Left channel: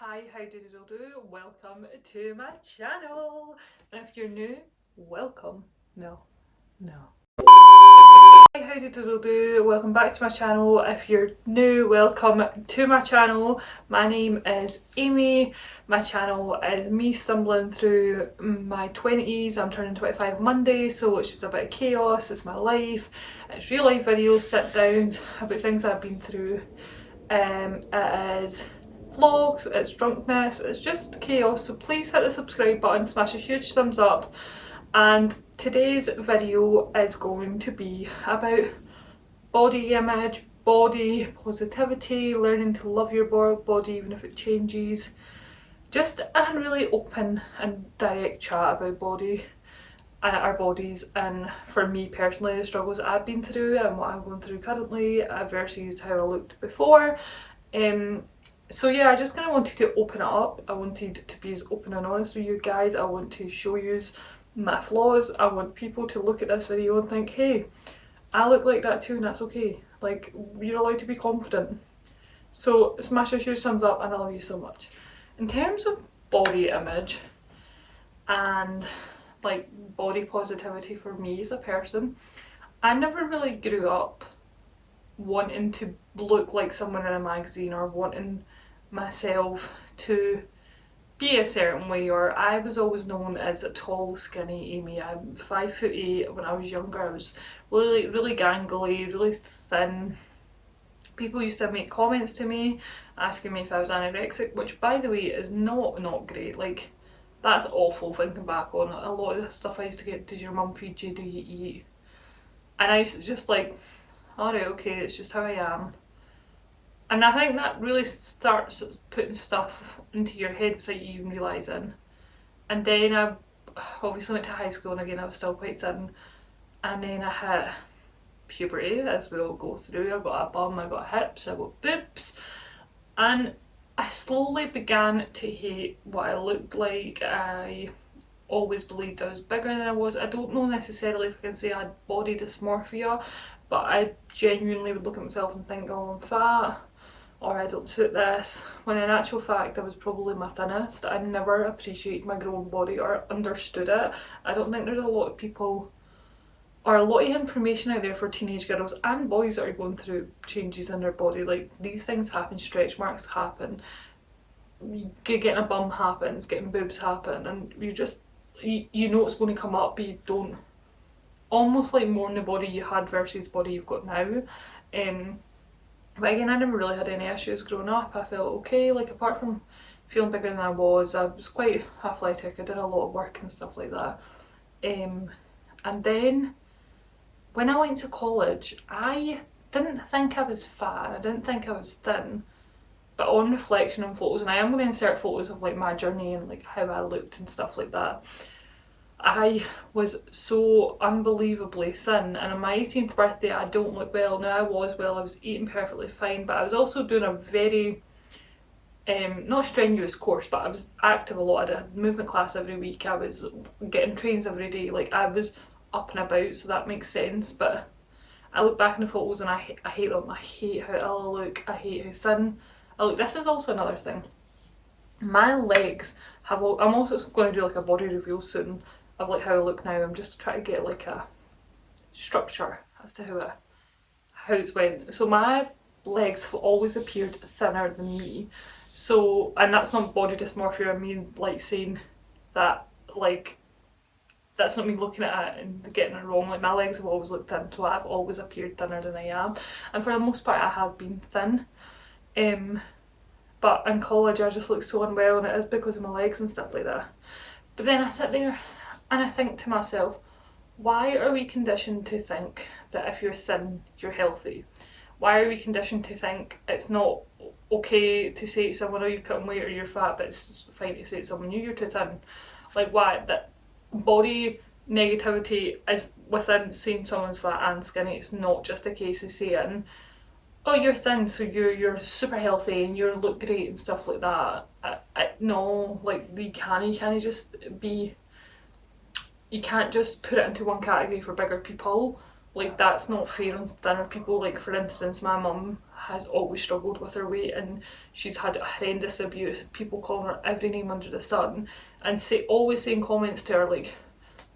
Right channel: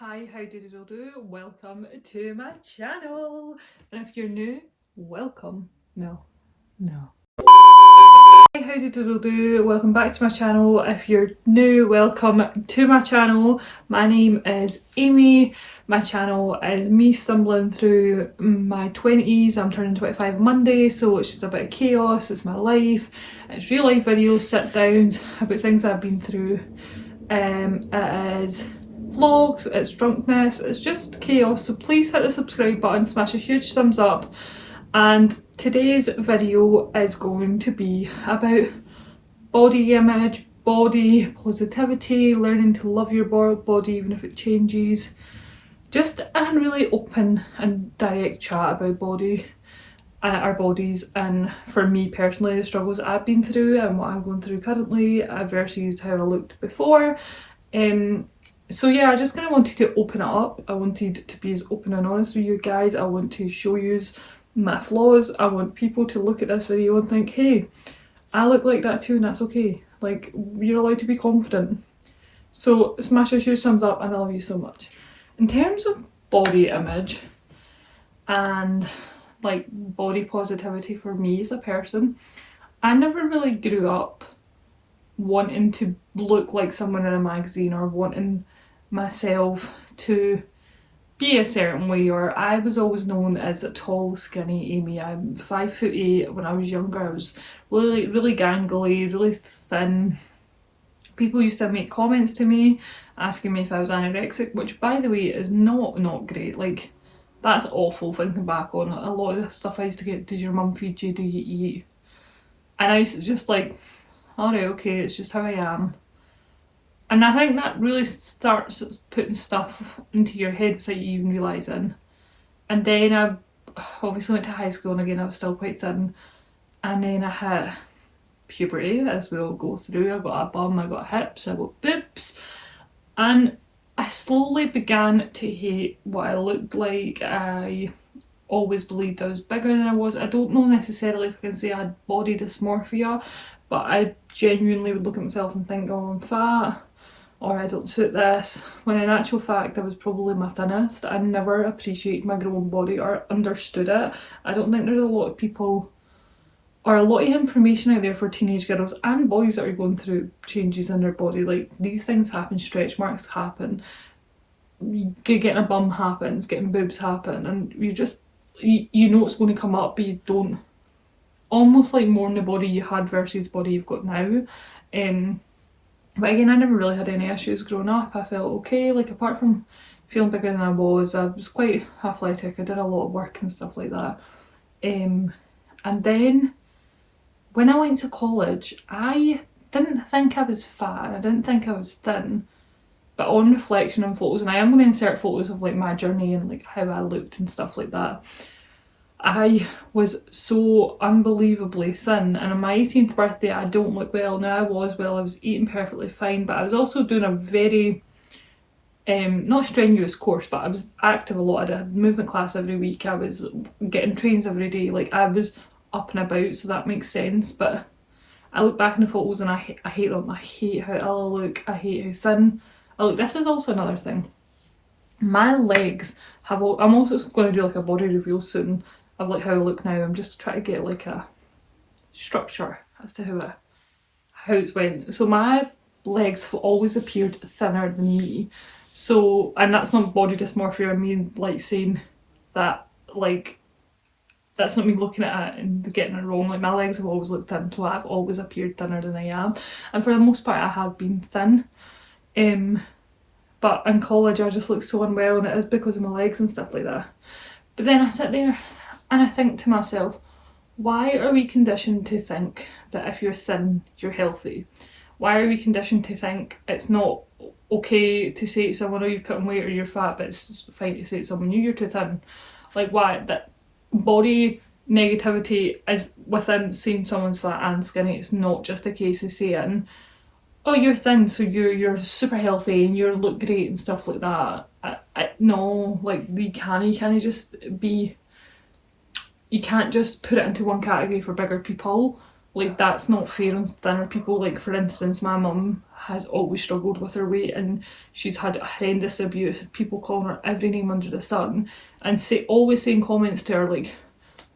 Hi, how do you do? Welcome to my channel. And if you're new, welcome. No. Hi, how do you do? Welcome back to my channel. If you're new, welcome to my channel. My name is Amy. My channel is me stumbling through my 20s. I'm turning 25 Monday, so it's just a bit of chaos. It's my life. It's real life videos, sit downs about things I've been through. It is vlogs, it's drunkenness, it's just chaos, so please hit the subscribe button, smash a huge thumbs up. And today's video is going to be about body image, body positivity, learning to love your body even if it changes. Just a really open and direct chat about our bodies, and for me personally the struggles I've been through and what I'm going through currently versus how I looked before. So yeah, I just kind of wanted to open it up. I wanted to be as open and honest with you guys. I want to show you my flaws. I want people to look at this video and think, hey, I look like that too, and that's okay. Like, you're allowed to be confident. So smash a huge thumbs up and I love you so much. In terms of body image and like body positivity for me as a person, I never really grew up wanting to look like someone in a magazine or wanting myself to be a certain way, or I was always known as a tall skinny Amy. I'm 5'8". When I was younger I was really gangly, really thin. People used to make comments to me asking me if I was anorexic, which by the way is not great. Like, that's awful thinking back on it. A lot of the stuff I used to get, does your mum feed you, do you eat? And I used to just like, alright, okay, it's just how I am. And I think that really starts putting stuff into your head without you even realising. And then I obviously went to high school, and again I was still quite thin. And then I hit puberty, as we all go through. I got a bum, I got hips, I got boobs. And I slowly began to hate what I looked like. I always believed I was bigger than I was. I don't know necessarily if I can say I had body dysmorphia, but I genuinely would look at myself and think, oh, I'm fat, or I don't suit this, when in actual fact I was probably my thinnest. I never appreciated my growing body or understood it. I don't think there's a lot of people or a lot of information out there for teenage girls and boys that are going through changes in their body. Like, these things happen, stretch marks happen, getting a bum happens, getting boobs happen, and you know it's going to come up, but you don't, almost like mourn the body you had versus the body you've got now. But again, I never really had any issues growing up. I felt okay, like apart from feeling bigger than I was quite athletic. I did a lot of work and stuff like that. And then when I went to college, I didn't think I was fat, I didn't think I was thin, but on reflection and photos, and I am going to insert photos of like my journey and like how I looked and stuff like that, I was so unbelievably thin. And on my 18th birthday I don't look well. Now I was eating perfectly fine, but I was also doing a very not strenuous course, but I was active a lot. I had movement class every week, I was getting trains every day, like I was up and about, so that makes sense. But I look back in the photos and I hate them. I hate how ill I look, I hate how thin I look. This is also another thing, my legs have I'm also going to do like a body reveal soon of like how I look now. I'm just trying to get like a structure as to how it's went. So my legs have always appeared thinner than me. So, and that's not body dysmorphia, I mean like saying that, like, that's not me looking at it and getting it wrong. Like, my legs have always looked thin, so I've always appeared thinner than I am, and for the most part I have been thin. But in college I just look so unwell, and it is because of my legs and stuff like that. But then I sit there and I think to myself, why are we conditioned to think that if you're thin, you're healthy? Why are we conditioned to think it's not okay to say to someone, oh, you've put on weight or you're fat, but it's fine to say to someone, you're too thin? Like, why? That body negativity is within saying someone's fat and skinny. It's not just a case of saying, oh, you're thin, so you're super healthy and you look great and stuff like that. No, like, you can't just be, you can't just put it into one category for bigger people. Like, that's not fair on thinner people. Like, for instance, my mum has always struggled with her weight, and she's had horrendous abuse, people calling her every name under the sun, and always saying comments to her like,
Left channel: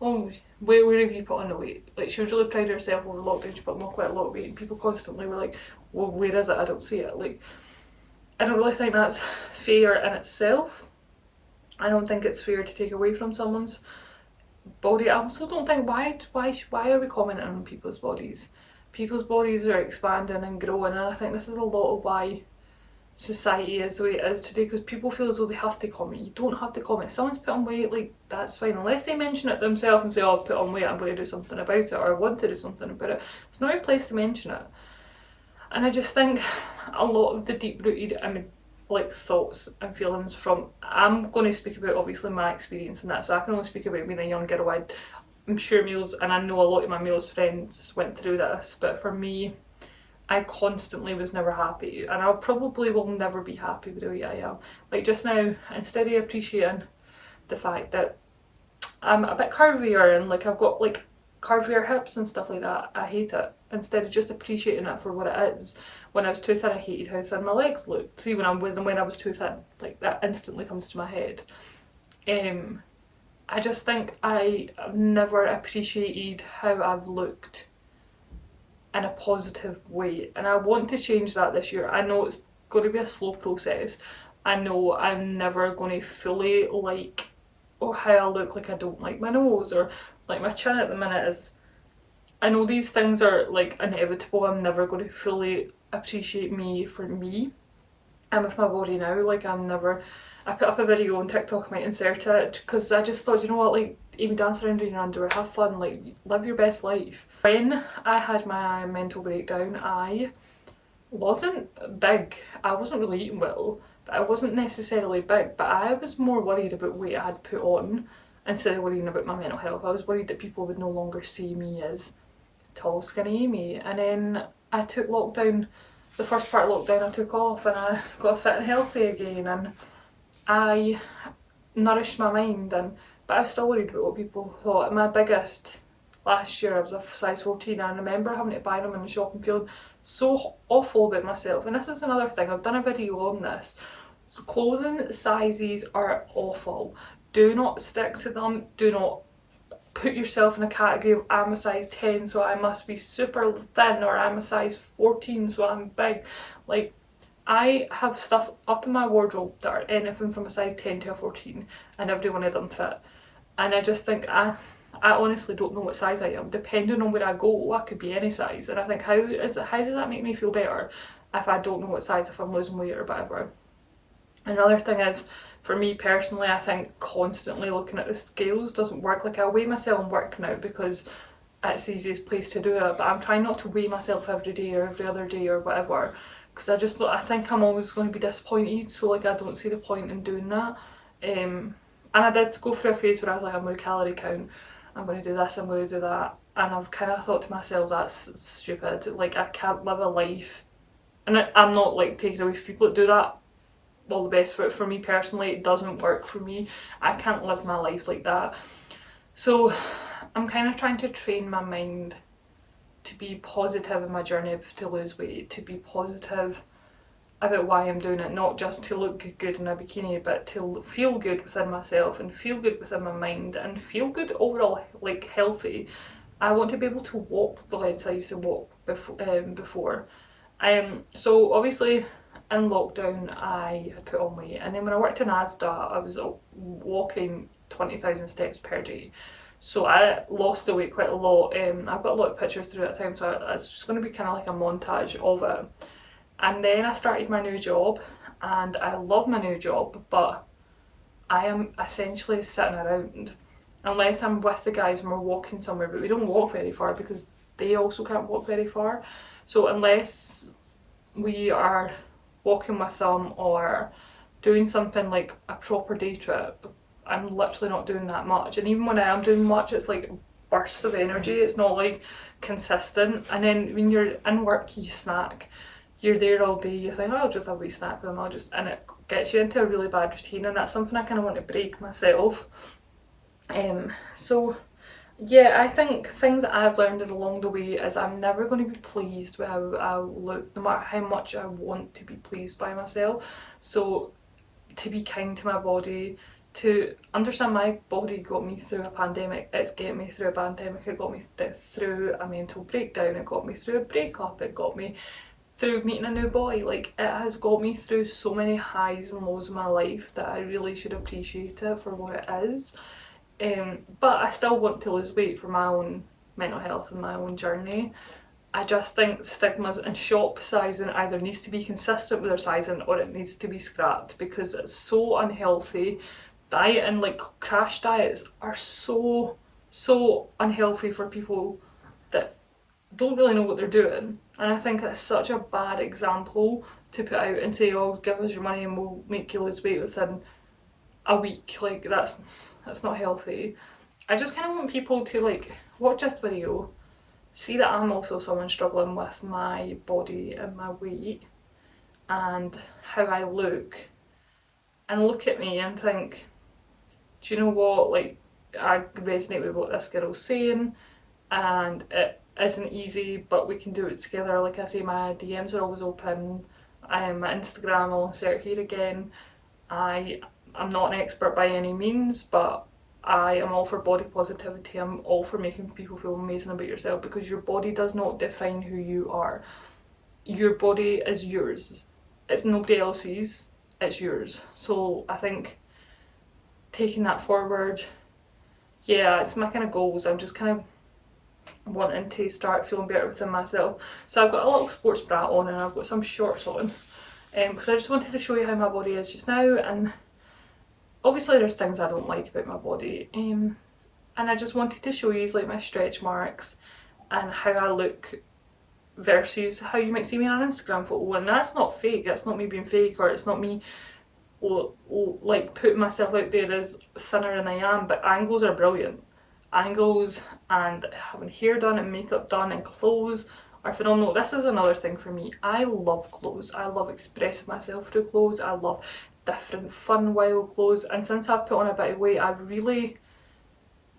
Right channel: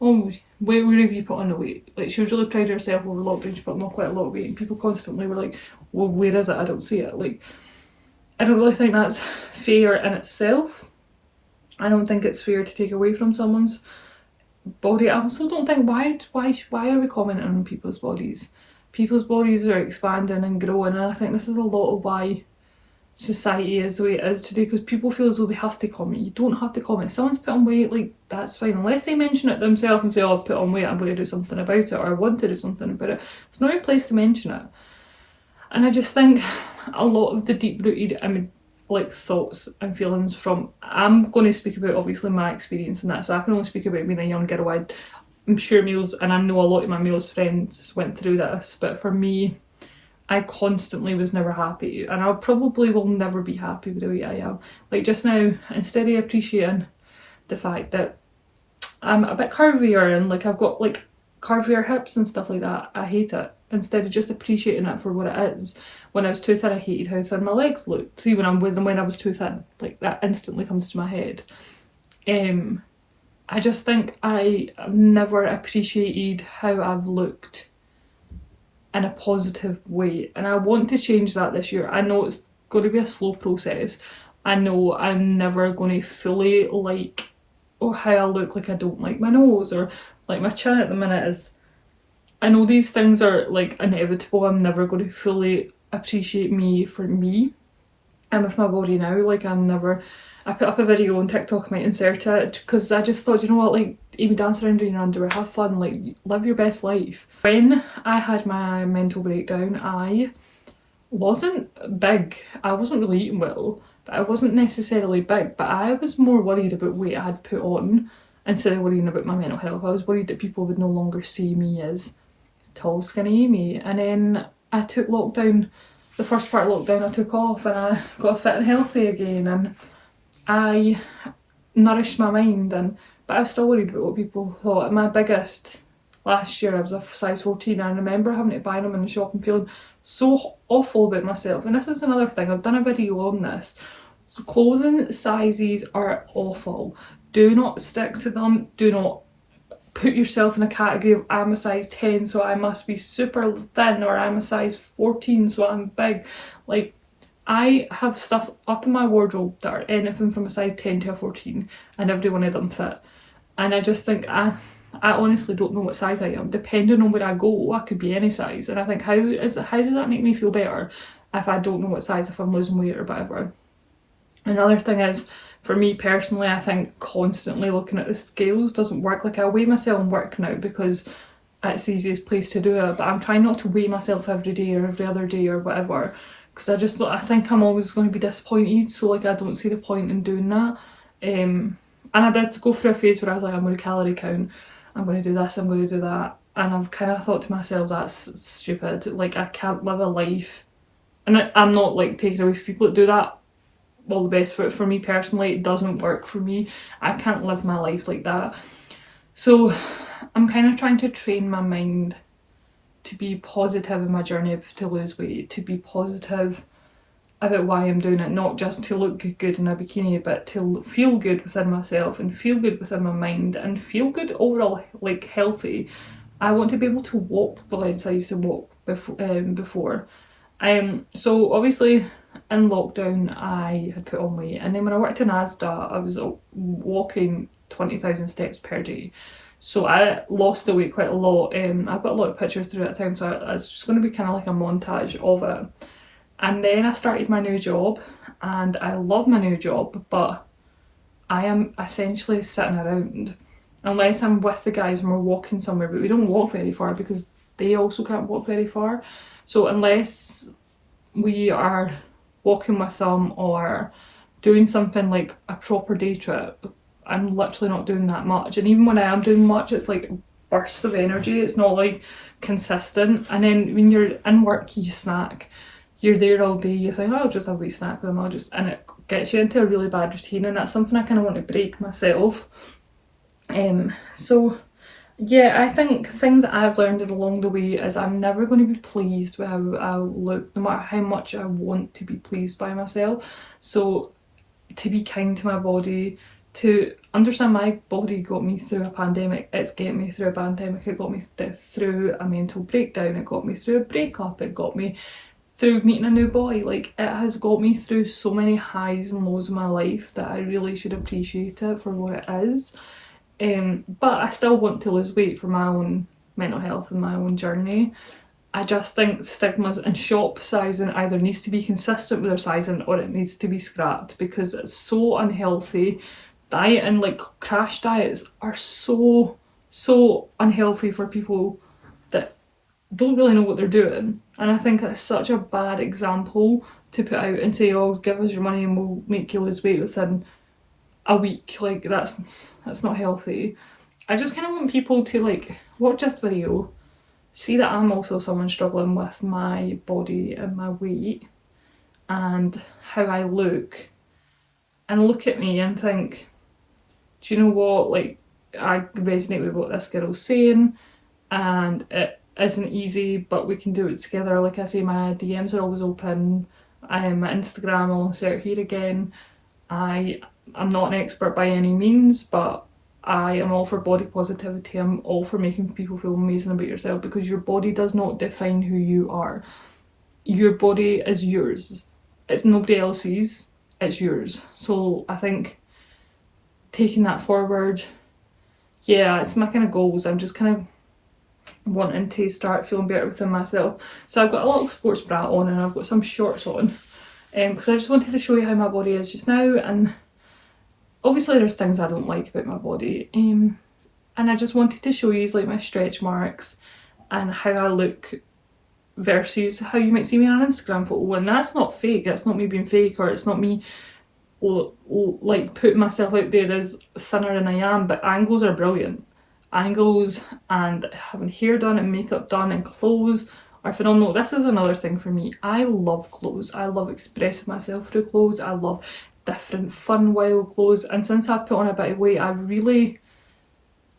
oh, where have you put on the weight? Like, she was really proud of herself over lockdown, she put on quite a lot of weight, and people constantly were like, well, where is it? I don't see it. Like, I don't really think that's fair in itself. I don't think it's fair to take away from someone's body. I also don't think, why are we commenting on people's bodies? People's bodies are expanding and growing, and I think this is a lot of why society is the way it is today, because people feel as though they have to comment. You don't have to comment. If someone's put on weight, like, that's fine, unless they mention it themselves and say, oh, I've put on weight, I'm going to do something about it, or I want to do something about it. It's not your place to mention it. And I just think a lot of the deep-rooted, like, thoughts and feelings from, I'm going to speak about obviously my experience in that, so I can only speak about being a young girl. I'm sure males, and I know a lot of my males friends went through this, but for me, I constantly was never happy, and I probably will never be happy with the way I am. Like, just now, instead of appreciating the fact that I'm a bit curvier and like I've got like curvier hips and stuff like that, I hate it. Instead of just appreciating it for what it is. When I was too thin, I hated how thin my legs looked. See, when I was too thin, like, that instantly comes to my head. I just think I've never appreciated how I've looked in a positive way, and I want to change that this year. I know it's going to be a slow process. I know I'm never going to fully like, oh, how I look. Like, I don't like my nose, or like my chin at the minute is, I know these things are like inevitable. I'm never going to fully appreciate me for me and with my body now. Like, I put up a video on TikTok, I might insert it, because I just thought, you know what, like, Amy, dance around in your underwear, have fun, like, live your best life. When I had my mental breakdown, I wasn't big. I wasn't really eating well, but I wasn't necessarily big, but I was more worried about weight I had put on instead of worrying about my mental health. I was worried that people would no longer see me as tall, skinny Amy. And then I took lockdown, the first part of lockdown, I took off, and I got fit and healthy again, and I nourished my mind, but I was still worried about what people thought. And my biggest, last year I was a size 14, and I remember having to buy them in the shop and feeling so awful about myself. And this is another thing, I've done a video on this. So clothing sizes are awful. Do not stick to them. Do not put yourself in a category of, I'm a size 10 so I must be super thin, or I'm a size 14 so I'm big. Like, I have stuff up in my wardrobe that are anything from a size 10 to a 14, and every one of them fit. And I just think, I honestly don't know what size I am. Depending on where I go, I could be any size. And I think, how does that make me feel better if I don't know what size, if I'm losing weight or whatever? Another thing is, for me personally, I think constantly looking at the scales doesn't work. Like, I weigh myself in work now because it's the easiest place to do it, but I'm trying not to weigh myself every day or every other day or whatever, because I think I'm always going to be disappointed, so like, I don't see the point in doing that. And I did go through a phase where I was like, I'm going to calorie count, I'm going to do this, I'm going to do that, and I've kind of thought to myself, that's stupid. Like, I can't live a life, and I'm not like taking away from people that do that, all the best for me personally, it doesn't work for me. I can't live my life like that. So I'm kind of trying to train my mind to be positive in my journey to lose weight, to be positive about why I'm doing it, not just to look good in a bikini, but to feel good within myself and feel good within my mind and feel good overall, like, healthy. I want to be able to walk the lengths I used to walk before. So obviously in lockdown I had put on weight, and then when I worked in Asda I was walking 20,000 steps per day, so I lost the weight quite a lot. I've got a lot of pictures through that time, so it's just going to be kind of like a montage of it. And then I started my new job, and I love my new job, but I am essentially sitting around unless I'm with the guys and we're walking somewhere, but we don't walk very far because they also can't walk very far. So unless we are walking with them or doing something like a proper day trip, I'm literally not doing that much. And even when I am doing much, it's like bursts of energy, it's not like consistent. And then when you're in work, you snack, you're there all day, you think, oh, I'll just have a wee snack with them, and it gets you into a really bad routine, and that's something I kind of want to break myself. So yeah, I think things that I've learned along the way is I'm never going to be pleased with how I look, no matter how much I want to be pleased by myself. So to be kind to my body, to understand my body got me through a pandemic, it's getting me through a pandemic, it got me through a mental breakdown, it got me through a breakup, it got me through meeting a new boy. Like, it has got me through so many highs and lows in my life that I really should appreciate it for what it is. But I still want to lose weight for my own mental health and my own journey. I just think stigmas and shop sizing either needs to be consistent with their sizing or it needs to be scrapped because it's so unhealthy. Diet and like crash diets are so unhealthy for people that don't really know what they're doing. And I think it's such a bad example to put out and say, oh, give us your money and we'll make you lose weight within a week. Like, that's not healthy. I just kind of want people to like watch this video, see that I'm also someone struggling with my body and my weight and how I look, and look at me and think, do you know what, like, I resonate with what this girl's saying and it isn't easy, but we can do it together. Like I say, my DMs are always open. My Instagram, I'll insert here again. I'm not an expert by any means, but I am all for body positivity. I'm all for making people feel amazing about yourself because your body does not define who you are. Your body is yours. It's nobody else's, it's yours. So I think taking that forward, yeah, it's my kind of goals. I'm just kind of wanting to start feeling better within myself. So I've got a little sports bra on and I've got some shorts on because I just wanted to show you how my body is just now. And obviously there's things I don't like about my body, and I just wanted to show you like my stretch marks and how I look versus how you might see me on an Instagram photo. And that's not fake, that's not me being fake, or it's not me like putting myself out there as thinner than I am, but angles are brilliant. Angles and having hair done and makeup done and clothes are phenomenal. This is another thing for me. I love clothes. I love expressing myself through clothes. I love different fun wild clothes, and since I've put on a bit of weight I really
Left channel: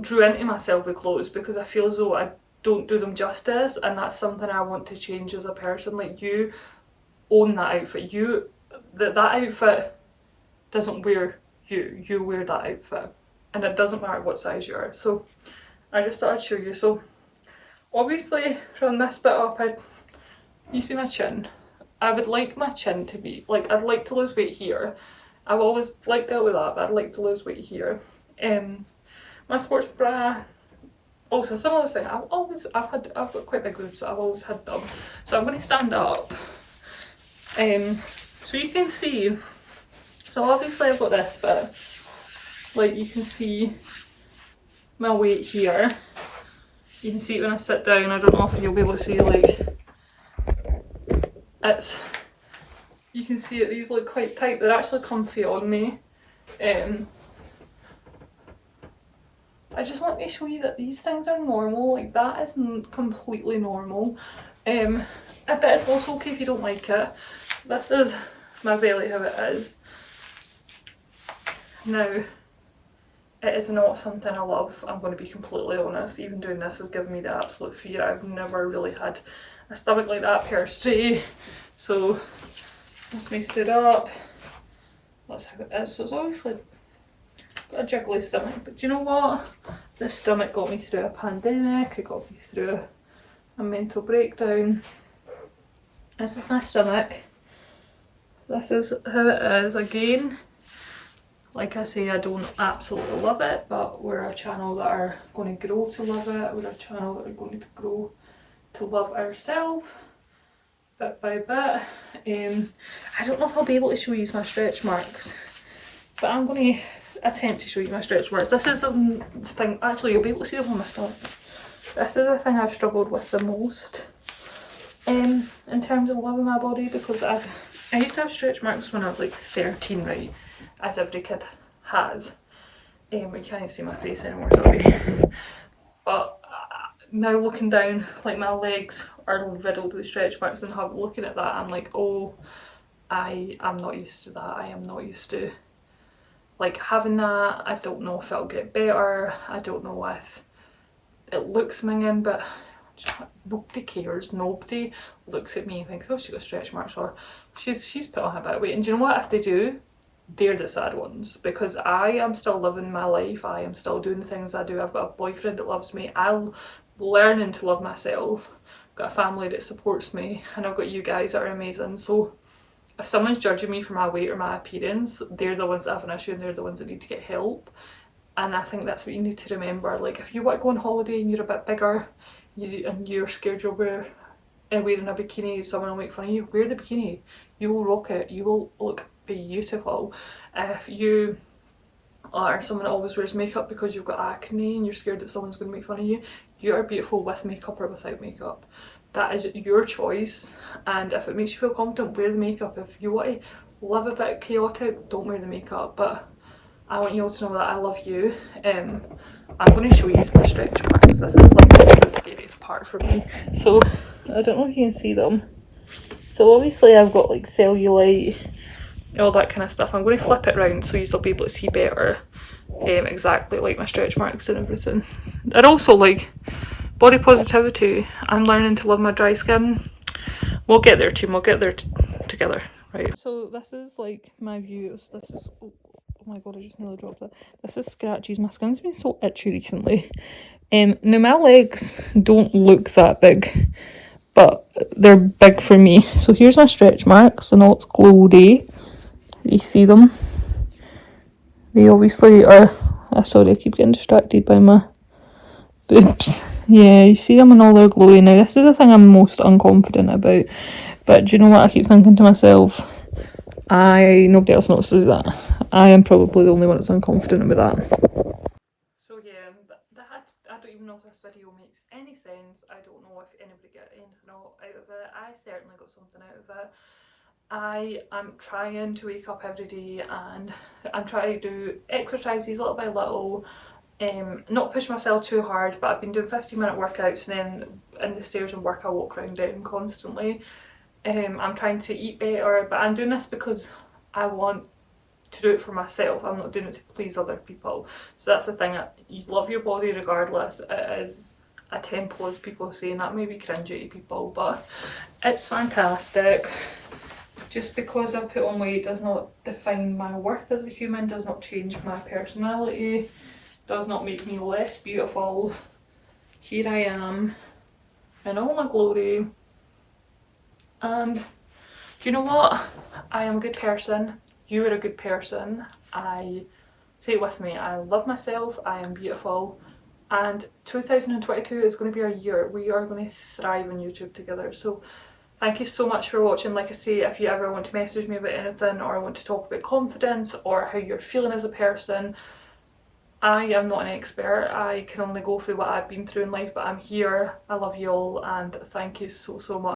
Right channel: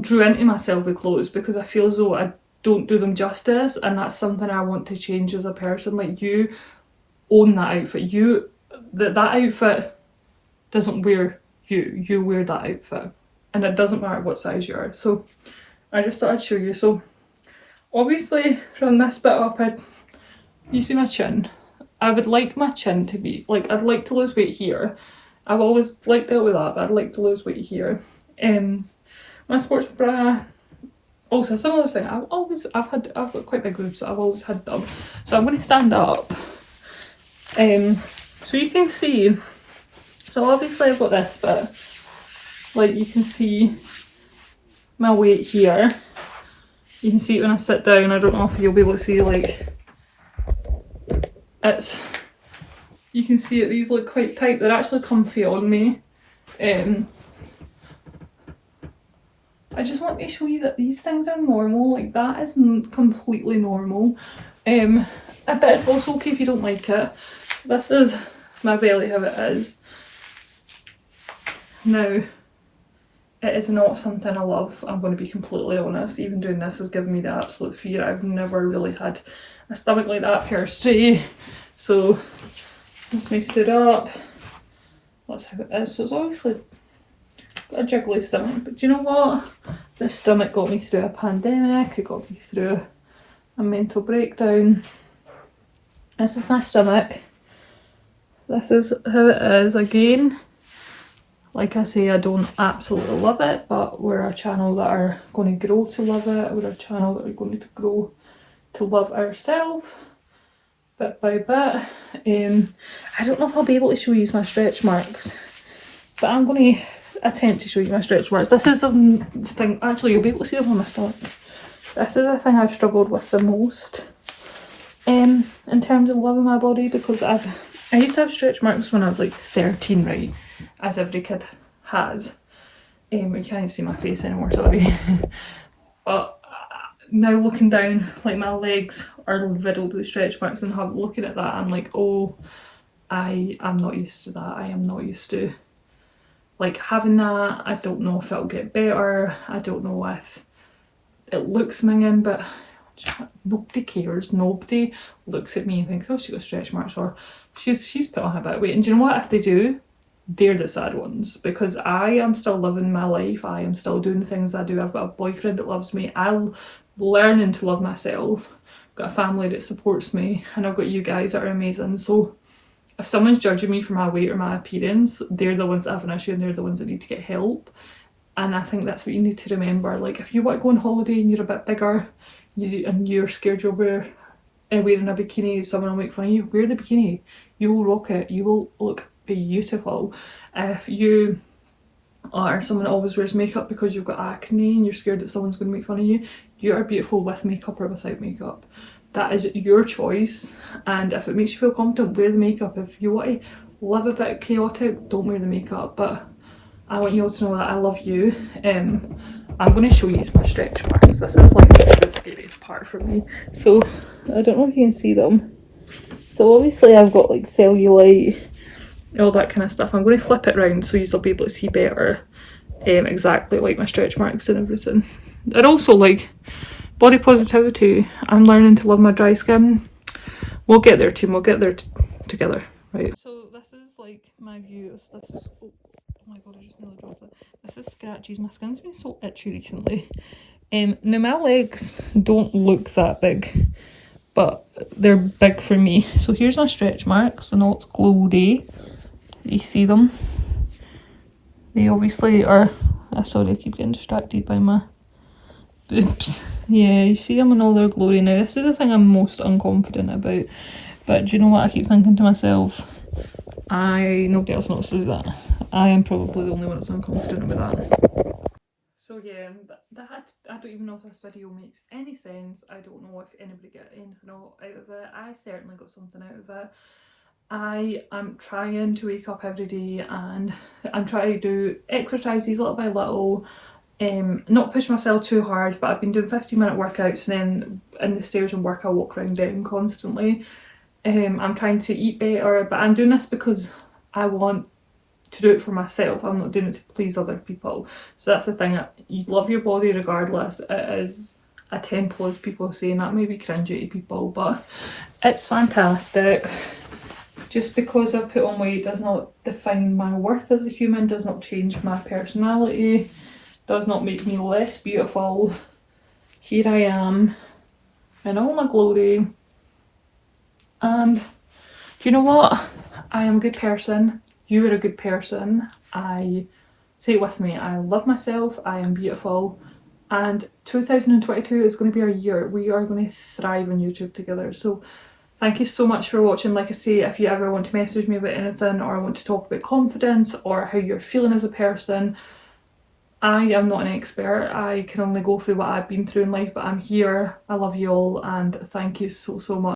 drew into myself with clothes because I feel as though I don't do them justice, and that's something I want to change as a person. Like, you own that outfit. That outfit doesn't wear you wear that outfit, and it doesn't matter what size you are. So I just thought I'd show you. So obviously from this bit up, you see my chin. I would like my chin to be like, I'd like to lose weight here. I've always liked it with that, but I'd like to lose weight here. My sports bra, also a similar thing. I've got quite big boobs, so I've always had them. So I'm going to stand up, so you can see. So obviously I've got this, but like you can see my weight here. You can see it when I sit down. I don't know if you'll be able to see, like, you can see it, these look quite tight. They're actually comfy on me. I just want to show you that these things are normal. Like, that is completely normal. But it's also okay if you don't like it. So this is my belly, how it is. Now, it is not something I love, I'm going to be completely honest. Even doing this has given me the absolute fear. I've never really had a stomach like that per se. So once me stood up, that's how it is. So it's obviously got a jiggly stomach, but do you know what? This stomach got me through a pandemic, it got me through a mental breakdown. This is my stomach. This is how it is. Again, like I say, I don't absolutely love it, but we're a channel that are going to grow to love it. We're a channel that are going to grow to love ourselves bit by bit. I don't know if I'll be able to show you my stretch marks, but I'm going to attempt to show you my stretch marks. This is the thing, actually you'll be able to see them on my stomach. This is the thing I've struggled with the most in terms of loving my body, because I used to have stretch marks when I was like 13, right? As every kid has. You can't even see my face anymore, sorry. But now looking down, like, my legs are riddled with stretch marks, and looking at that I'm like, oh, I'm not used to that. I am not used to like having that. I don't know if it'll get better. I don't know if it looks minging, but nobody cares. Nobody looks at me and thinks, oh, she got stretch marks, or she's put on a bit of weight. And do you know what? If they do, they're the sad ones, because I am still living my life. I am still doing the things I do. I've got a boyfriend that loves me. I'm learning to love myself. I've got a family that supports me, and I've got you guys that are amazing. So if someone's judging me for my weight or my appearance, they're the ones that have an issue, and they're the ones that need to get help. And I think that's what you need to remember. Like, if you want to go on holiday and you're a bit bigger, and you're scared you'll wearing a bikini, someone will make fun of you, wear the bikini. You will rock it. You will look beautiful. If you are someone that always wears makeup because you've got acne and you're scared that someone's going to make fun of you, you are beautiful with makeup or without makeup. That is your choice, and if it makes you feel confident, wear the makeup. If you want to live a bit chaotic, don't wear the makeup. But I want you all to know that I love you. I'm going to show you my stretch marks. This is like the scariest part for me. So I don't know if you can see them. So obviously I've got like cellulite, all that kind of stuff. I'm going to flip it round so you'll be able to see better exactly like my stretch marks and everything. And also like body positivity. I'm learning to love my dry skin. We'll get there too. We'll get there together, right? So this is like my view. This is, oh my god, I just nearly dropped it. This is scratches. My skin's been so itchy recently. Now my legs don't look that big, but they're big for me. So here's my stretch marks, and all it's glowy. You see them? They obviously are. Sorry, I keep getting distracted by my boobs. Yeah, you see them and all their glory. Now this is the thing I'm most unconfident about, but do you know what? I keep thinking to myself, nobody else notices that. I am probably the only one that's unconfident about that. So yeah, I don't even know if this video makes any sense. I don't know if anybody got anything out of it. I certainly got something out of it. I am trying to wake up every day, and I'm trying to do exercises little by little. Not push myself too hard, but I've been doing 15-minute workouts, and then in the stairs and work I walk around them constantly. I'm trying to eat better, but I'm doing this because I want to do it for myself. I'm not doing it to please other people. So that's the thing, you love your body regardless. It is a temple, as people say, and that may be cringy to people, but it's fantastic. Just because I've put on weight does not define my worth as a human, does not change my personality, does not make me less beautiful. Here I am in all my glory. And do you know what? I am a good person. You are a good person. Say it with me. I love myself. I am beautiful. And 2022 is going to be our year. We are going to thrive on YouTube together. So thank you so much for watching. Like I say, if you ever want to message me about anything, or want to talk about confidence or how you're feeling as a person, I am not an expert. I can only go through what I've been through in life, but I'm here. I love you all, and thank you so much.